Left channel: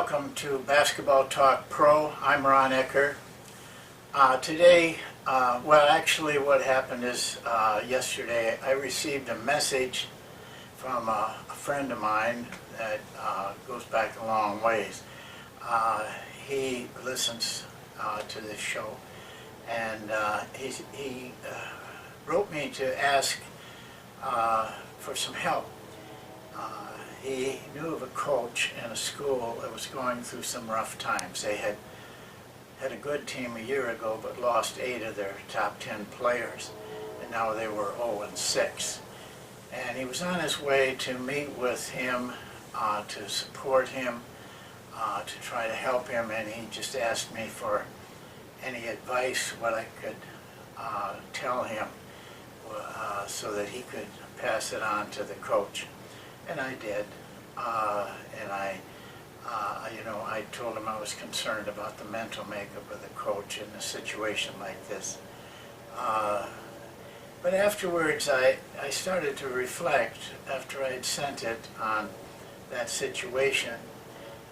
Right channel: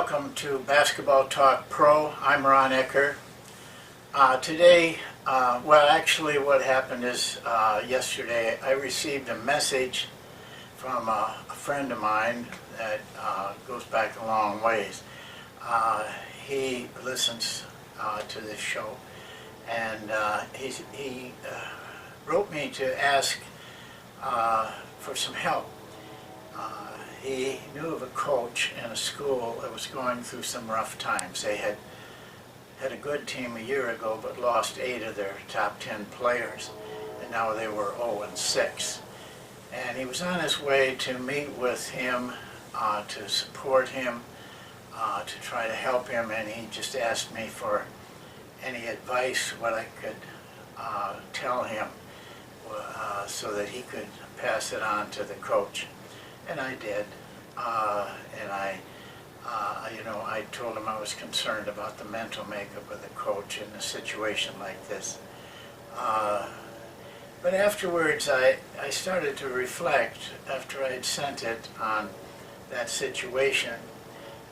welcome to Basketball Talk Pro. I'm Ron Ekker. Today, actually what happened is yesterday I received a message from a friend of mine that goes back a long ways. He listens to this show, and he wrote me to ask for some help. He knew of a coach in a school that was going through some rough times. They had a good team a year ago, but lost 8 of their top 10 players, and now they were 0-6. And he was on his way to meet with him, to support him, to try to help him, and he just asked me for any advice, what I could tell him, so that he could pass it on to the coach. And I did, and I told him I was concerned about the mental makeup of the coach in a situation like this. But afterwards, I started to reflect after I had sent it on that situation,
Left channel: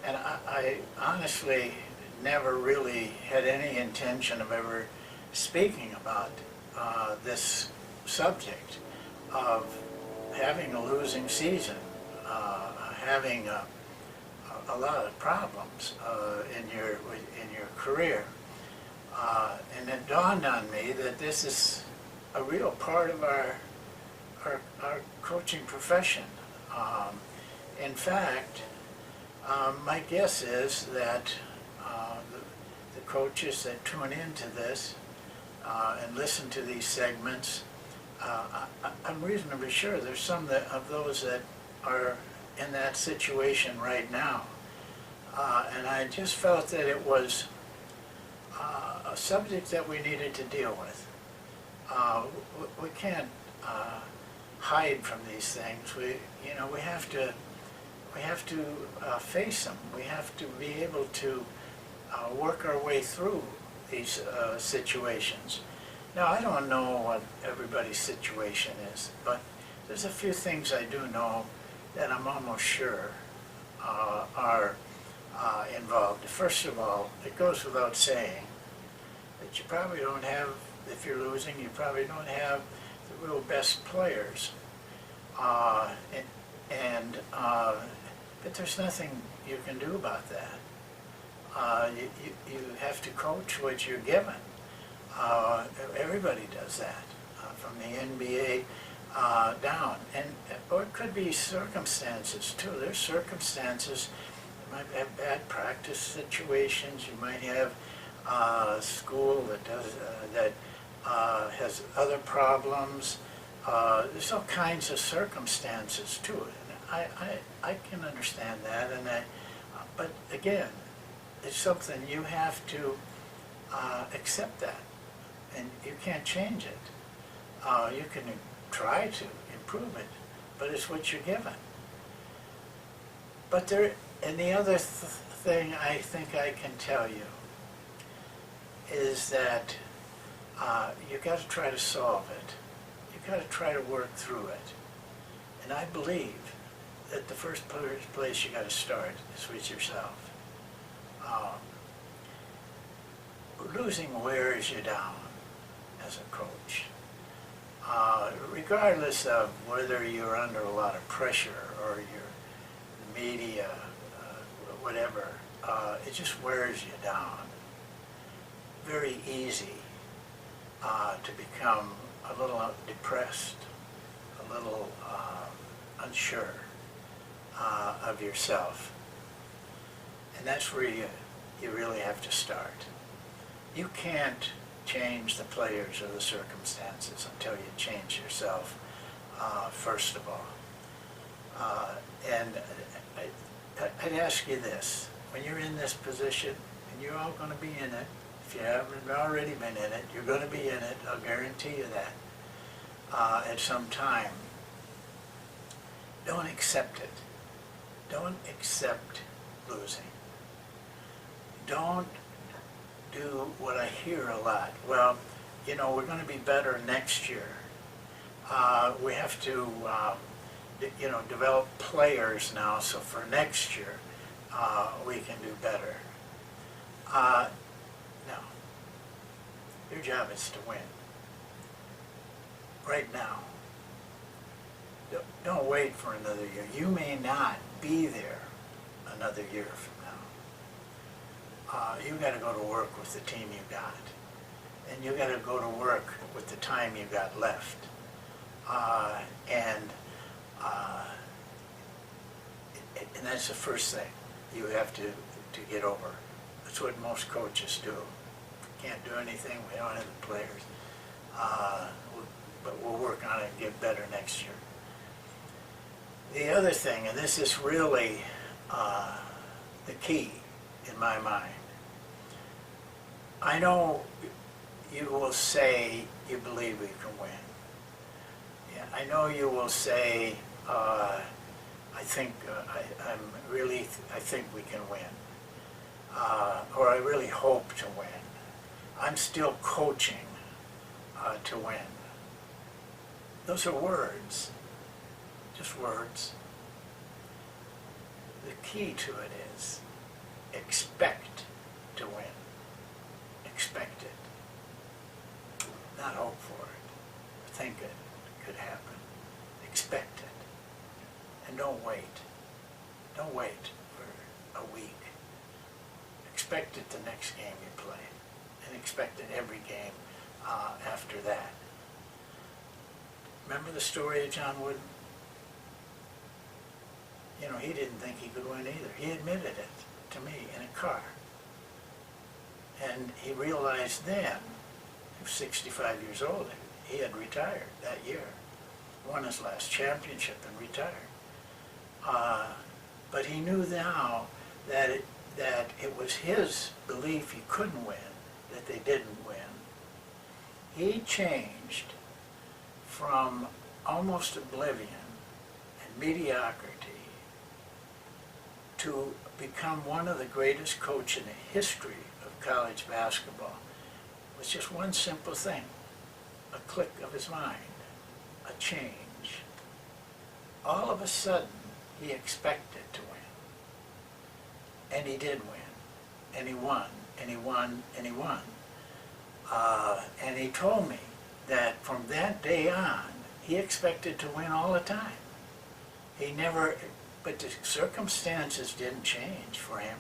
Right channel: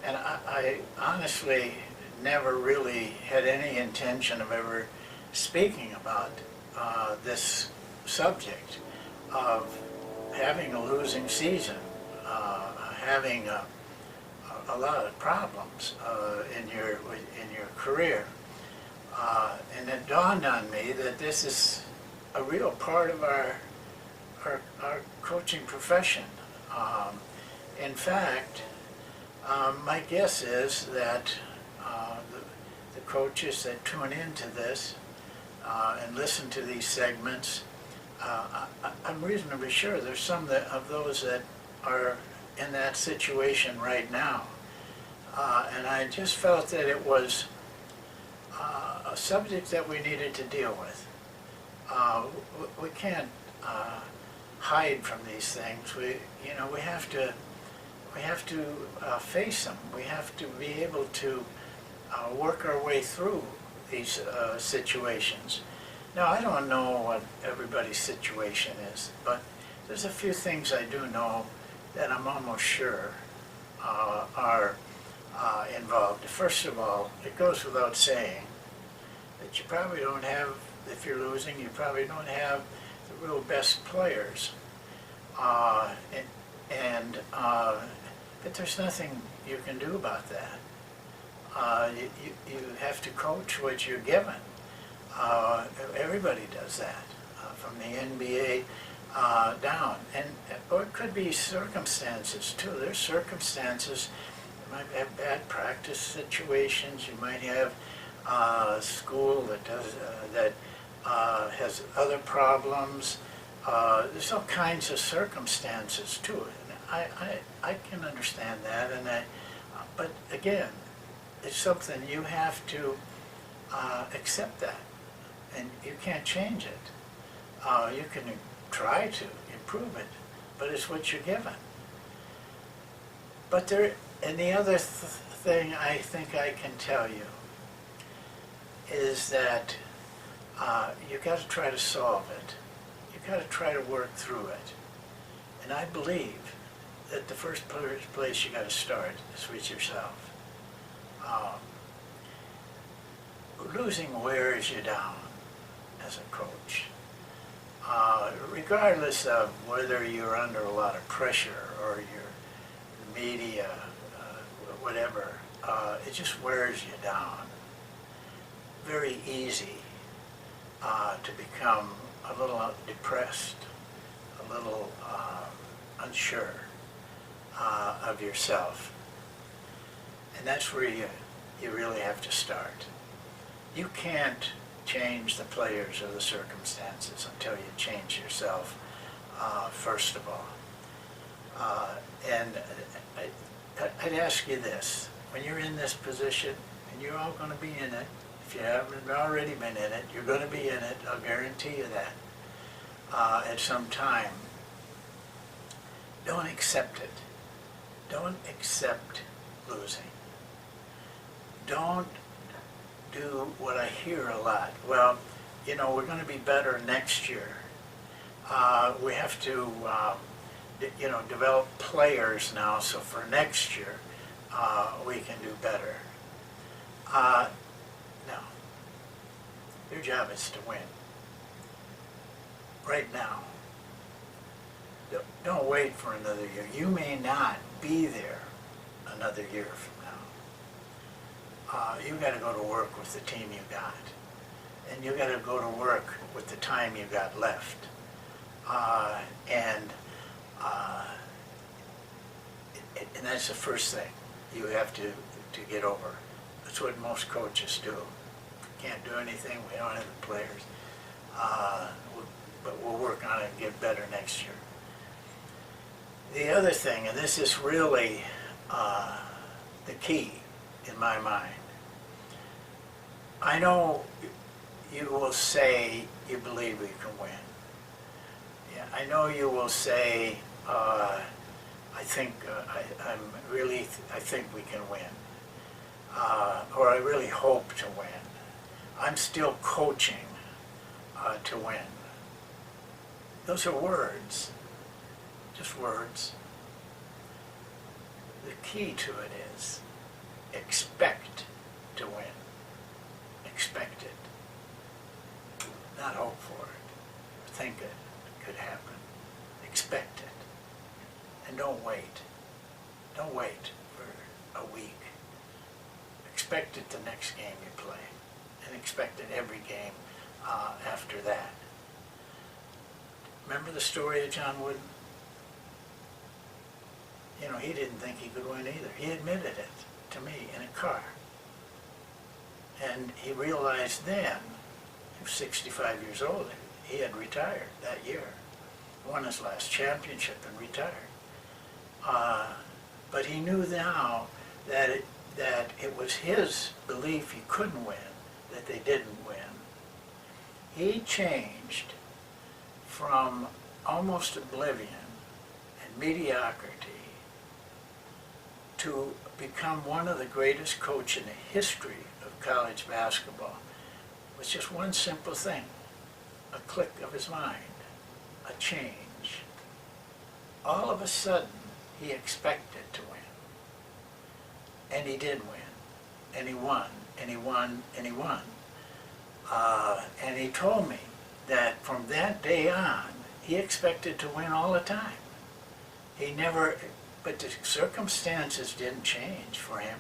and I honestly never really had any intention of ever speaking about this subject of having a losing season, having a lot of problems in your career, and it dawned on me that this is a real part of our coaching profession. In fact, my guess is that the coaches that tune into this and listen to these segments, I'm reasonably sure there's some of those that are in that situation right now. And I just felt that it was a subject that we needed to deal with. We can't hide from these things. We have to face them. We have to be able to work our way through these situations. Now, I don't know what everybody's situation is, but there's a few things I do know that I'm almost sure are involved. First of all, it goes without saying that you probably don't have, if you're losing, you probably don't have the real best players. But there's nothing you can do about that. You have to coach what you're given. Everybody does that, from the NBA down. Or it could be circumstances too. There's circumstances. You might have bad practice situations. You might have a school that has other problems. There's all kinds of circumstances to it. I can understand that, but again, it's something you have to accept that, and you can't change it. You can try to improve it, but it's what you're given. But the other thing I think I can tell you is that you got to try to solve it. You got to try to work through it. And I believe that the first place you got to start is with yourself. Losing wears you down as a coach. Regardless of whether you're under a lot of pressure or you're the media, whatever, it just wears you down. Very easy to become a little depressed, a little unsure of yourself. And that's where you really have to start. You can't change the players or the circumstances until you change yourself, first of all. And I'd ask you this: when you're in this position, and you're all going to be in it, if you haven't already been in it, you're going to be in it, I'll guarantee you that, at some time. Don't accept it. Don't accept losing. Don't do what I hear a lot. Well, we're going to be better next year. We have to, develop players now, so for next year we can do better. Now, your job is to win. Right now. Don't wait for another year. You may not be there another year from now. You got to go to work with the team you got. And you got to go to work with the time you got left. And that's the first thing you have to get over. That's what most coaches do. Can't do anything, we don't have the players. But we'll work on it and get better next year. The other thing, and this is really the key in my mind, I know you will say you believe we can win. Yeah, I know you will say, I think we can win, or I really hope to win. I'm still coaching to win. Those are words, just words. The key to it is expect to win. Expect it. Not hope for it. Think it could happen. Expect it. And don't wait. Don't wait for a week. Expect it the next game you play. And expect it every game after that. Remember the story of John Wooden? You know, he didn't think he could win either. He admitted it to me in a car. And he realized then, he was 65 years old, he had retired that year. Won his last championship and retired. But he knew now that it was his belief he couldn't win, that they didn't win. He changed from almost oblivion and mediocrity to become one of the greatest coaches in the history of college basketball with just one simple thing, a click of his mind, a change. All of a sudden, he expected to win. And he did win. And he won, and he won, and he won. And he told me that from that day on, he expected to win all the time. He never, but the circumstances didn't change for him.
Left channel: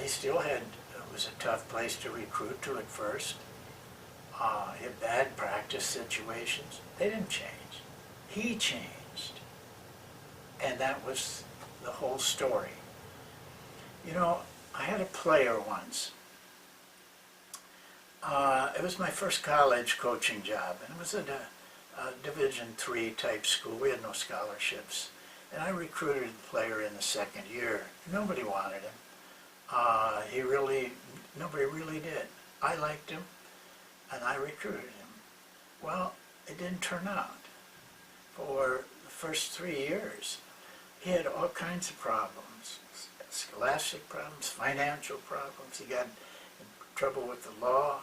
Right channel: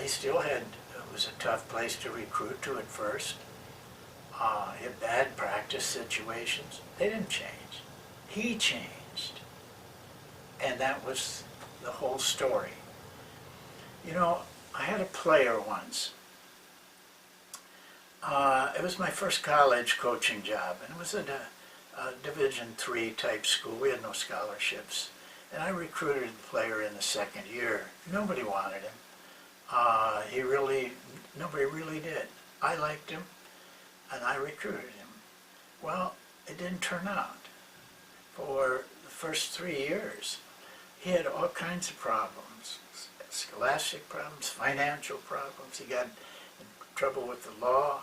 He still had, it was a tough place to recruit to at first. He had bad practice situations. They didn't change. He changed. And that was the whole story. You know, I had a player once. It was my first college coaching job, and it was at a Division III type school. We had no scholarships. And I recruited the player in the second year. Nobody wanted him. Nobody really did. I liked him, and I recruited him. Well, it didn't turn out. For the first 3 years, he had all kinds of problems. Scholastic problems, financial problems. He got in trouble with the law.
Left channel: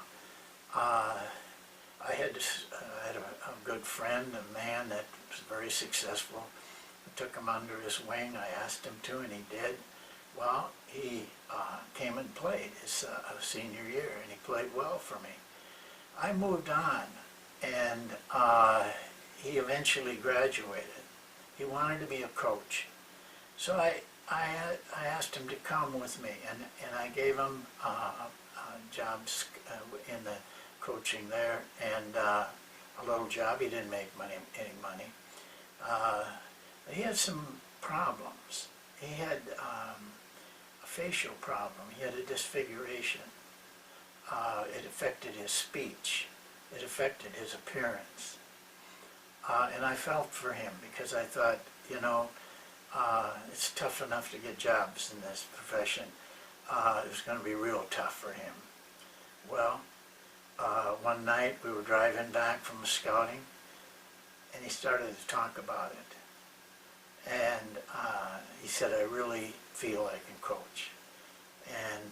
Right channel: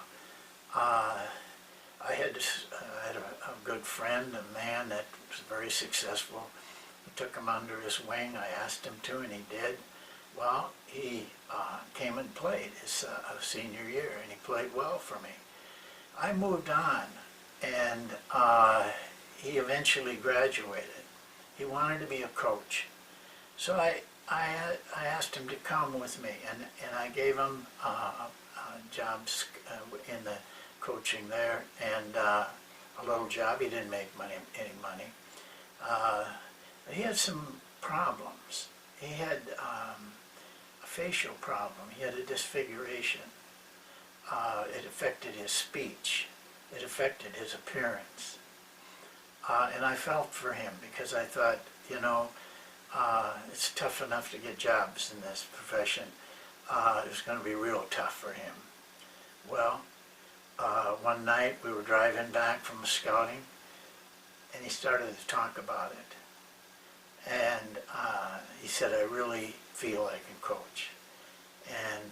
I had a good friend, a man that was very successful. I took him under his wing. I asked him to, and he did. Well, he came and played his senior year, and he played well for me. I moved on, and he eventually graduated. He wanted to be a coach. So I asked him to come with me, and I gave him jobs in the coaching there, and a little job. He didn't make any money. He had some problems. He had a facial problem. He had a disfiguration. It affected his speech. It affected his appearance. And I felt for him because I thought, you know, it's tough enough to get jobs in this profession. It was going to be real tough for him. Well, one night we were driving back from scouting, and he started to talk about it. And he said, I really feel I can coach.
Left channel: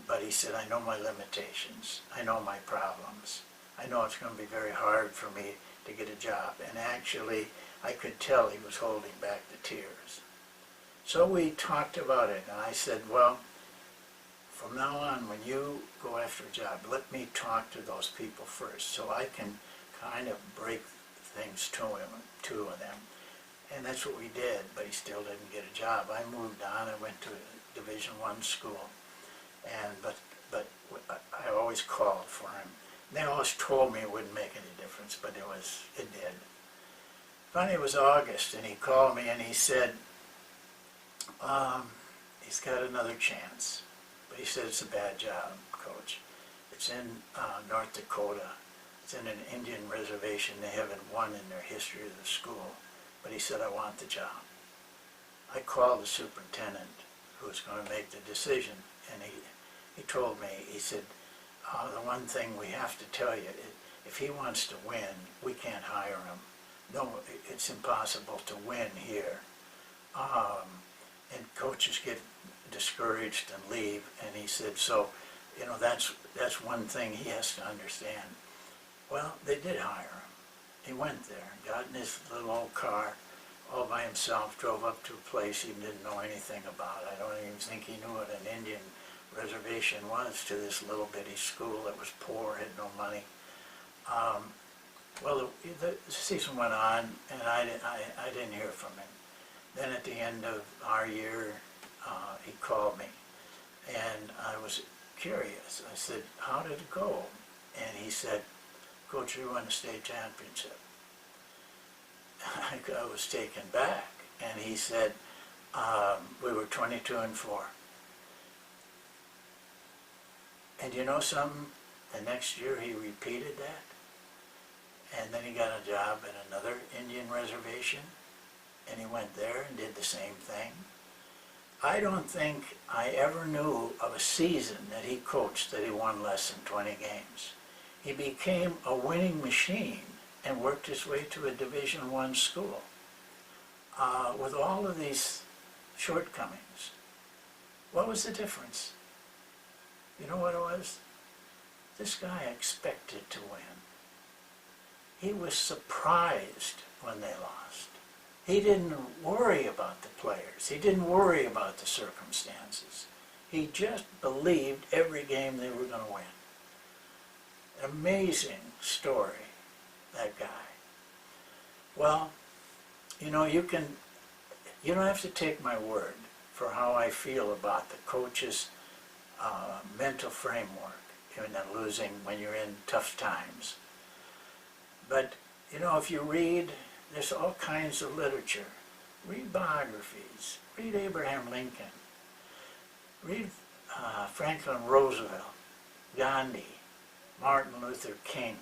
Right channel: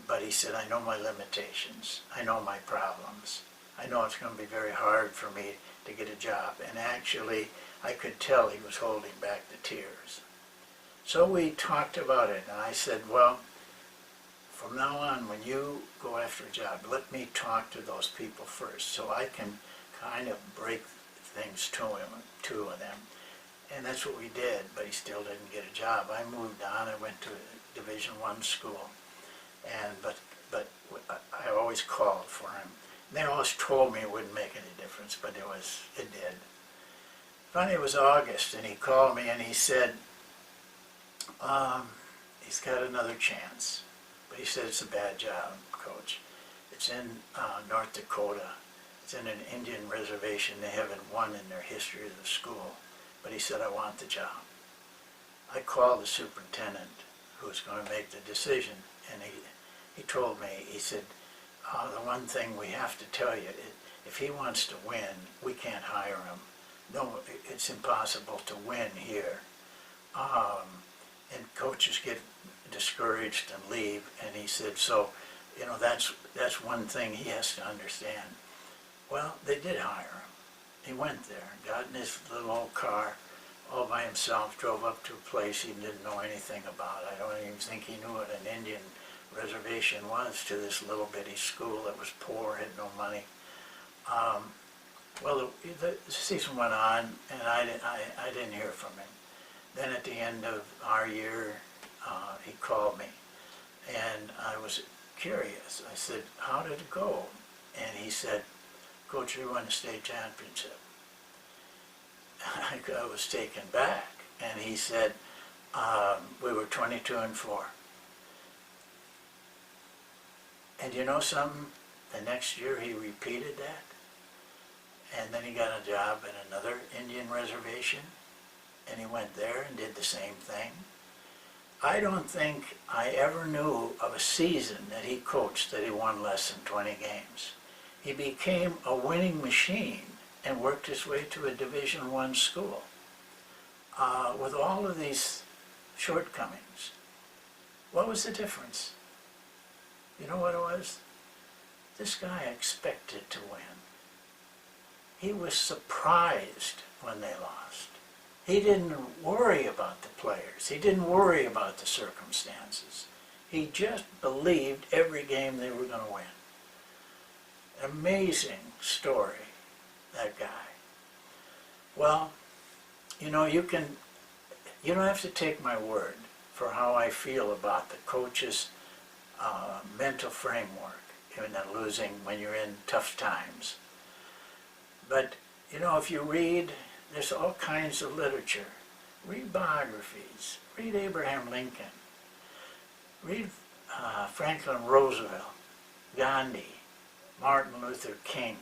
But he said, I know my limitations. I know my problems. I know it's going to be very hard for me to get a job. And actually, I could tell he was holding back the tears. So we talked about it, and I said, well, from now on, when you go after a job, let me talk to those people first so I can kind of break things to them. And that's what we did, but he still didn't get a job. I moved on. I went to a Division I school, and but I always called for him. They always told me it wouldn't make any difference, but it did. Finally, it was August, and he called me and he said, he's got another chance. But he said, it's a bad job, Coach. It's in North Dakota. It's in an Indian reservation. They haven't won in their history of the school. But he said, I want the job. I called the superintendent who was going to make the decision, and he told me, he said, the one thing we have to tell you, if he wants to win, we can't hire him. No, it's impossible to win here. And coaches get discouraged and leave, and he said, so, that's one thing he has to understand. Well, they did hire him. He went there, got in his little old car, all by himself, drove up to a place he didn't know anything about. I don't even think he knew what an Indian reservation was, to this little bitty school that was poor, had no money. Well, the season went on, and I didn't hear from him. Then at the end of our year, he called me, and I was curious. I said, how did it go? And he said, Coach, we won the state championship. I was taken back, and he said, we were 22-4. And you know something? The next year he repeated that, and then he got a job at another Indian reservation, and he went there and did the same thing. I don't think I ever knew of a season that he coached that he won less than 20 games. He became a winning machine and worked his way to a Division I school with all of these shortcomings. What was the difference? You know what it was? This guy expected to win. He was surprised when they lost. He didn't worry about the players. He didn't worry about the circumstances. He just believed every game they were going to win. Amazing story, that guy. Well, you don't have to take my word for how I feel about the coach's mental framework in losing when you're in tough times. But, if you read, there's all kinds of literature. Read biographies. Read Abraham Lincoln. Read Franklin Roosevelt, Gandhi, Martin Luther King,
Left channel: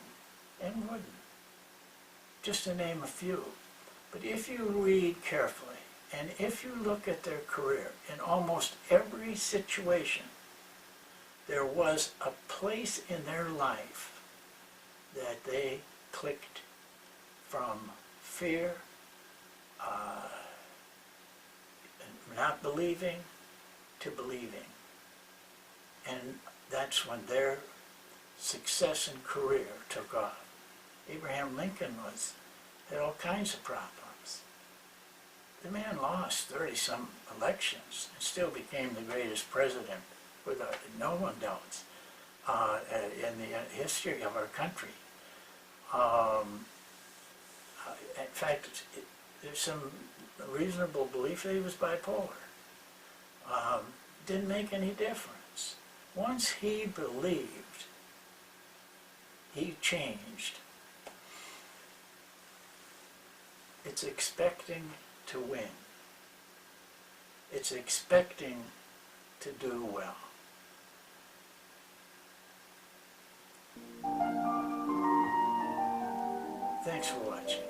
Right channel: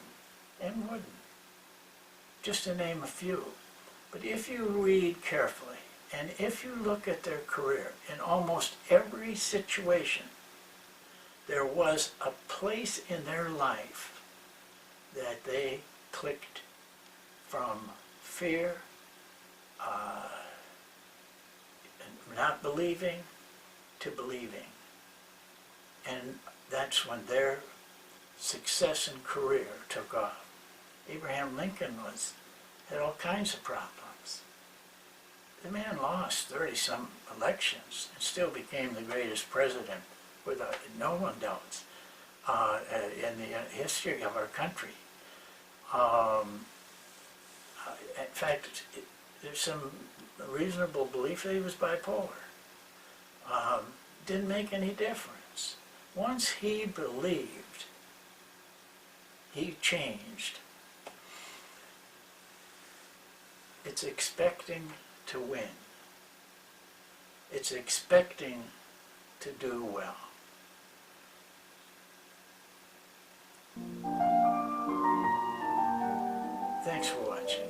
and Wooden, just to name a few. But if you read carefully, and if you look at their career, in almost every situation, there was a place in their life that they clicked from fear, not believing, to believing. And that's when their success and career took off. Abraham Lincoln had all kinds of problems. The man lost 30-some elections and still became the greatest president, without no one doubts, in the history of our country. In fact, there's some reasonable belief that he was bipolar. Didn't make any difference. Once he believed, he changed. It's expecting to win. It's expecting to do well. Thanks for watching.